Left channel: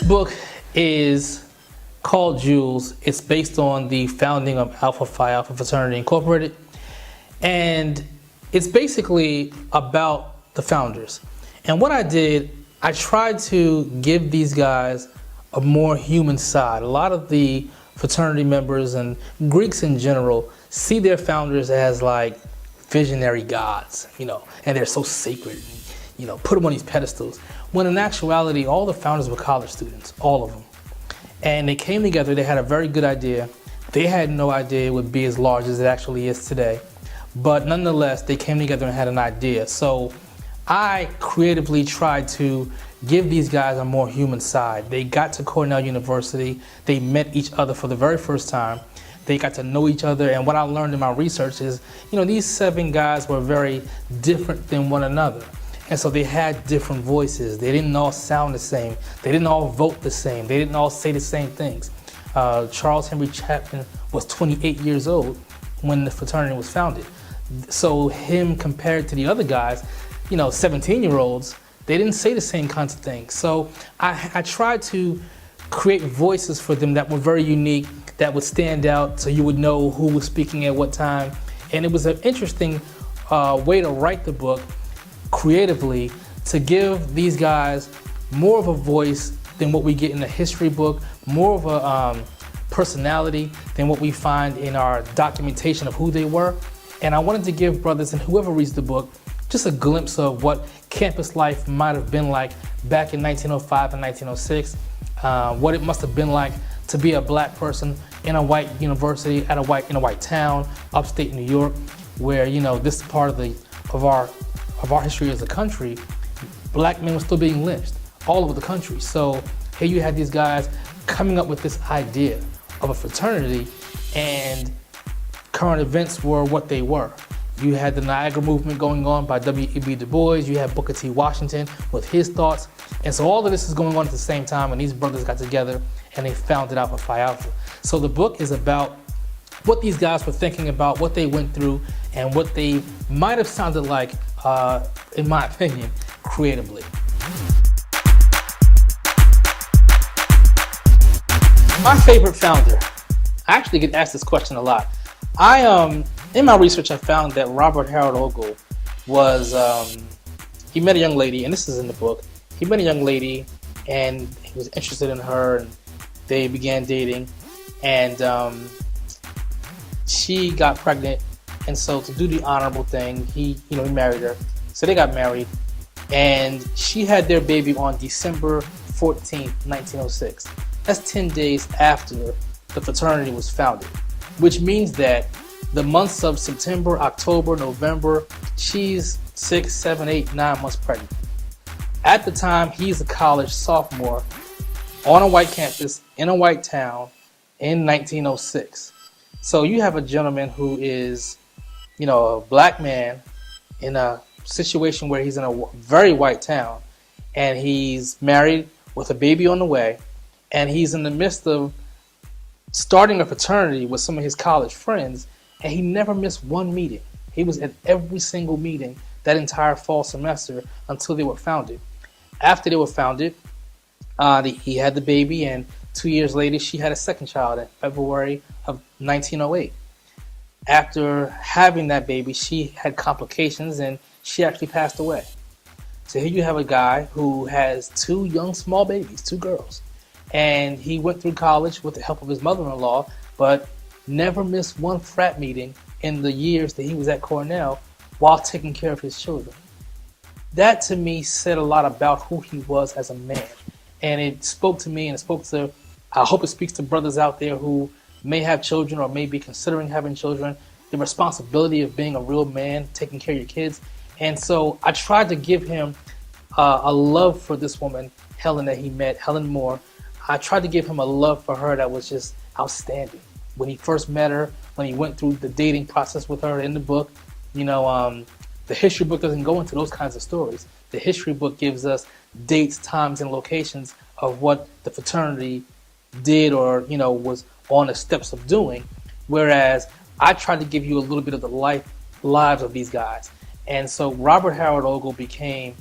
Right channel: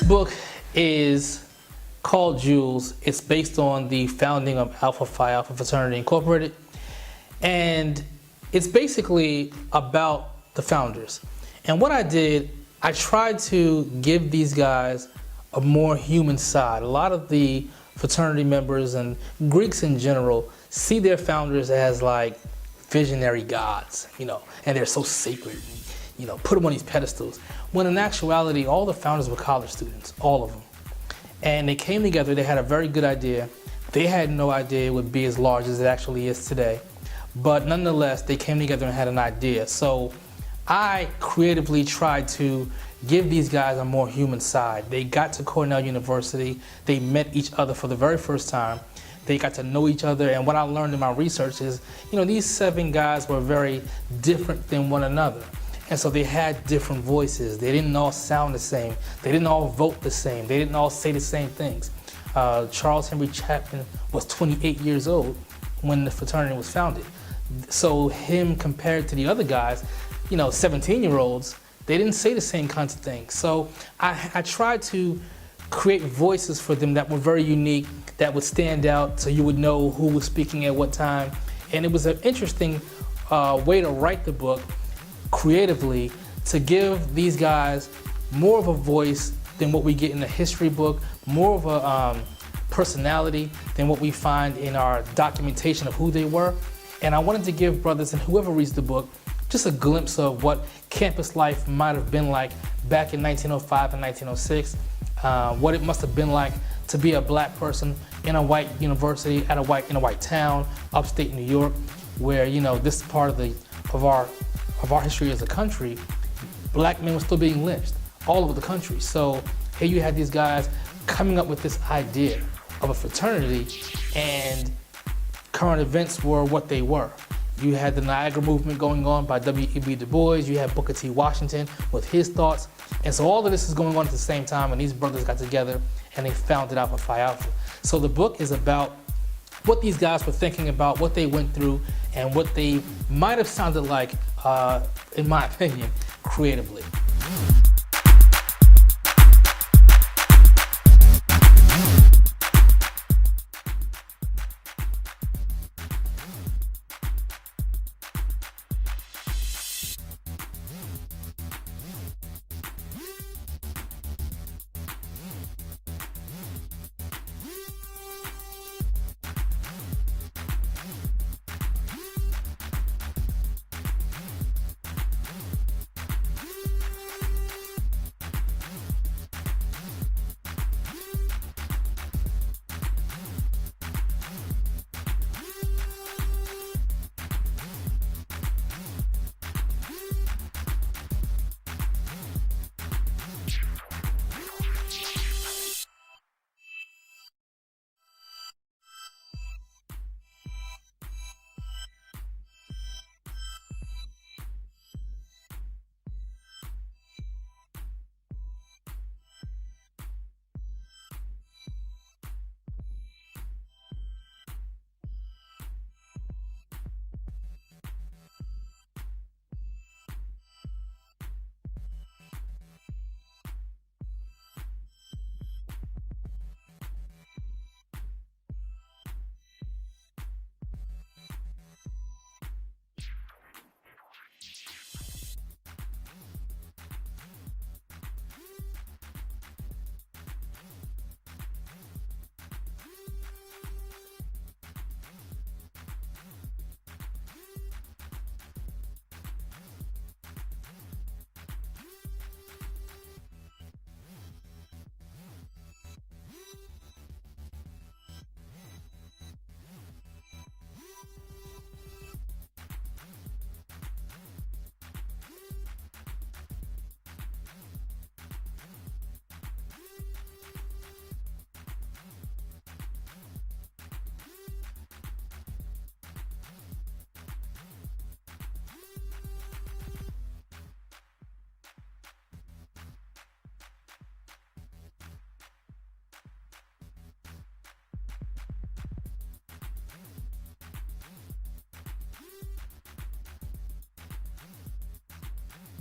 This book is called Jewels. It's based on the founding of Alpha Phi Alpha Fraternity Incorporated. And it's basically about the founders. And what I did, I tried to give these guys a more human side. A lot of the fraternity members and Greeks in general see their founders as like visionary gods, and they're so sacred, put them on these pedestals. When in actuality, all the founders were college students, all of them. And they came together, they had a very good idea. They had no idea it would be as large as it actually is today. But nonetheless, they came together and had an idea. So I creatively tried to give these guys a more human side. They got to Cornell University. They met each other for the very first time. They got to know each other. And what I learned in my research is, these 7 guys were very different than one another. And so they had different voices. They didn't all sound the same. They didn't all vote the same. They didn't all say the same things. Charles Henry Chapman was 28 years old when the fraternity was founded. So him compared to the other guys, 17-year-olds, they didn't say the same kinds of things. So I tried to create voices for them that were very unique, that would stand out so you would know who was speaking at what time. And it was an interesting way to write the book creatively, to give these guys more of a voice than what we get in the history book, more of a personality than what we find in our documentation of who they were. And I wanted to give brothers and whoever reads the book just a glimpse of what campus life might have been like back in 1905 and 1906, what it must have been like to be a black person in a white university in a white town, upstate New York, where this part of our history as a country, black men were still being lynched all over the country. So here you had these guys coming up with this idea of a fraternity, and current events were what they were. You had the Niagara movement going on by W.E.B. Du Bois. You had Booker T. Washington with his thoughts. And so all of this is going on at the same time, and these brothers got together and they founded Alpha Phi Alpha. So the book is about what these guys were thinking about, what they went through, and what they might have sounded like, in my opinion, creatively. My favorite founder. I actually get asked this question a lot. In my research, I found that Robert Harold Ogle was, he met a young lady, and this is in the book. He met a young lady, and he was interested in her, and they began dating, and she got pregnant. And so to do the honorable thing, he married her. So they got married, and she had their baby on December 14th, 1906. That's 10 days after the fraternity was founded, which means that the months of September, October, November, she's 6, 7, 8, 9 months pregnant. At the time, he's a college sophomore on a white campus in a white town in 1906. So you have a gentleman who is, a black man in a situation where he's in a very white town, and he's married with a baby on the way, and he's in the midst of starting a fraternity with some of his college friends, and he never missed one meeting. He was at every single meeting that entire fall semester until they were founded. After they were founded, he had the baby, and 2 years later, she had a second child in February of 1908. After having that baby, she had complications, and she actually passed away. So here you have a guy who has 2 young, small babies, 2 girls. And he went through college with the help of his mother-in-law, but never missed one frat meeting in the years that he was at Cornell while taking care of his children. That to me said a lot about who he was as a man. And it spoke to me, and I hope it speaks to brothers out there who may have children or may be considering having children, the responsibility of being a real man, taking care of your kids. And so I tried to give him a love for this woman, Helen, that he met, Helen Moore. I tried to give him a love for her that was just outstanding. When he first met her, when he went through the dating process with her in the book, the history book doesn't go into those kinds of stories. The history book gives us dates, times, and locations of what the fraternity did or, was on the steps of doing. Whereas I tried to give you a little bit of the lives of these guys. And so Robert Harold Ogle became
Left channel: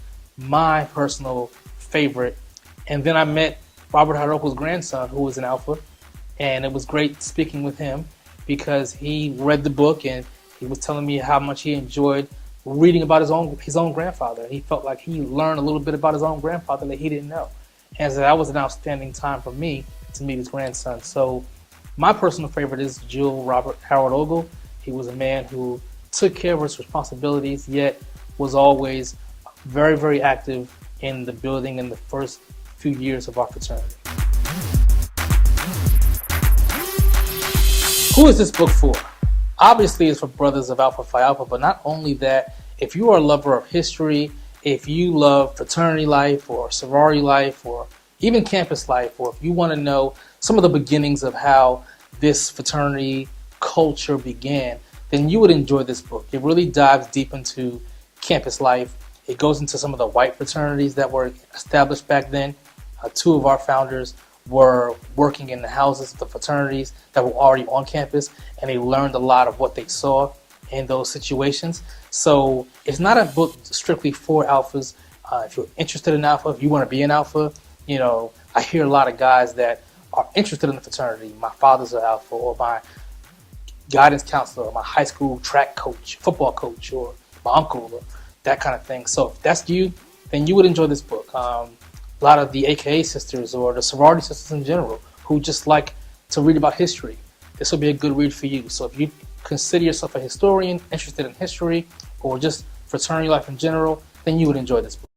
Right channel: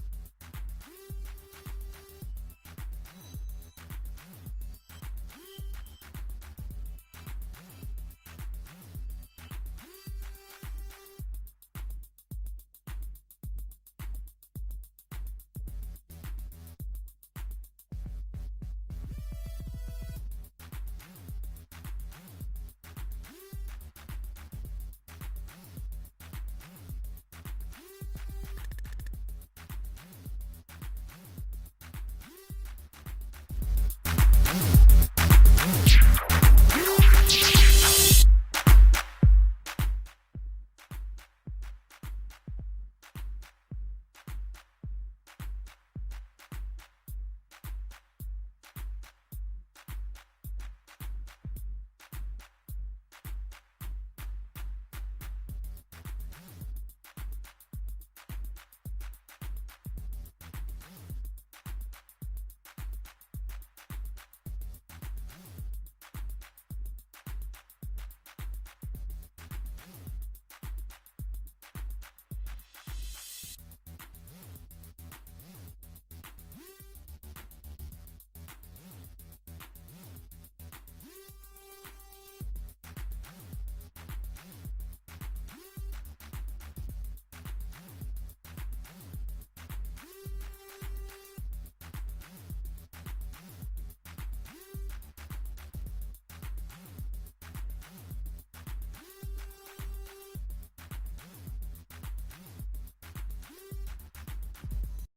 my personal favorite. And then I met Robert Haroko's grandson, who was an Alpha, and it was great speaking with him because he read the book and he was telling me how much he enjoyed reading about his own grandfather. He felt like he learned a little bit about his own grandfather that he didn't know, and so that was an outstanding time for me to meet his grandson. So my personal favorite is Jewel Robert Harold Ogle. He was a man who took care of his responsibilities, yet was always very, very active in the building in the first few years of our fraternity. Who is this book for? Obviously, it's for brothers of Alpha Phi Alpha, but not only that, if you are a lover of history, if you love fraternity life or sorority life or even campus life, or if you want to know some of the beginnings of how this fraternity culture began, then you would enjoy this book. It really dives deep into campus life. It goes into some of the white fraternities that were established back then. Two of our founders were working in the houses of the fraternities that were already on campus, and they learned a lot of what they saw in those situations. So it's not a book strictly for alphas. If you're interested in alpha, if you want to be an alpha, I hear a lot of guys that are interested in the fraternity. My father's an alpha, or my guidance counselor, or my high school track coach, football coach, or my uncle, or that kind of thing. So if that's you, then you would enjoy this book. A lot of the AKA sisters or the sorority sisters in general who just like to read about history, this will be a good read for you. So if you consider yourself a historian, interested in history, or just fraternity life in general, then you would enjoy this book.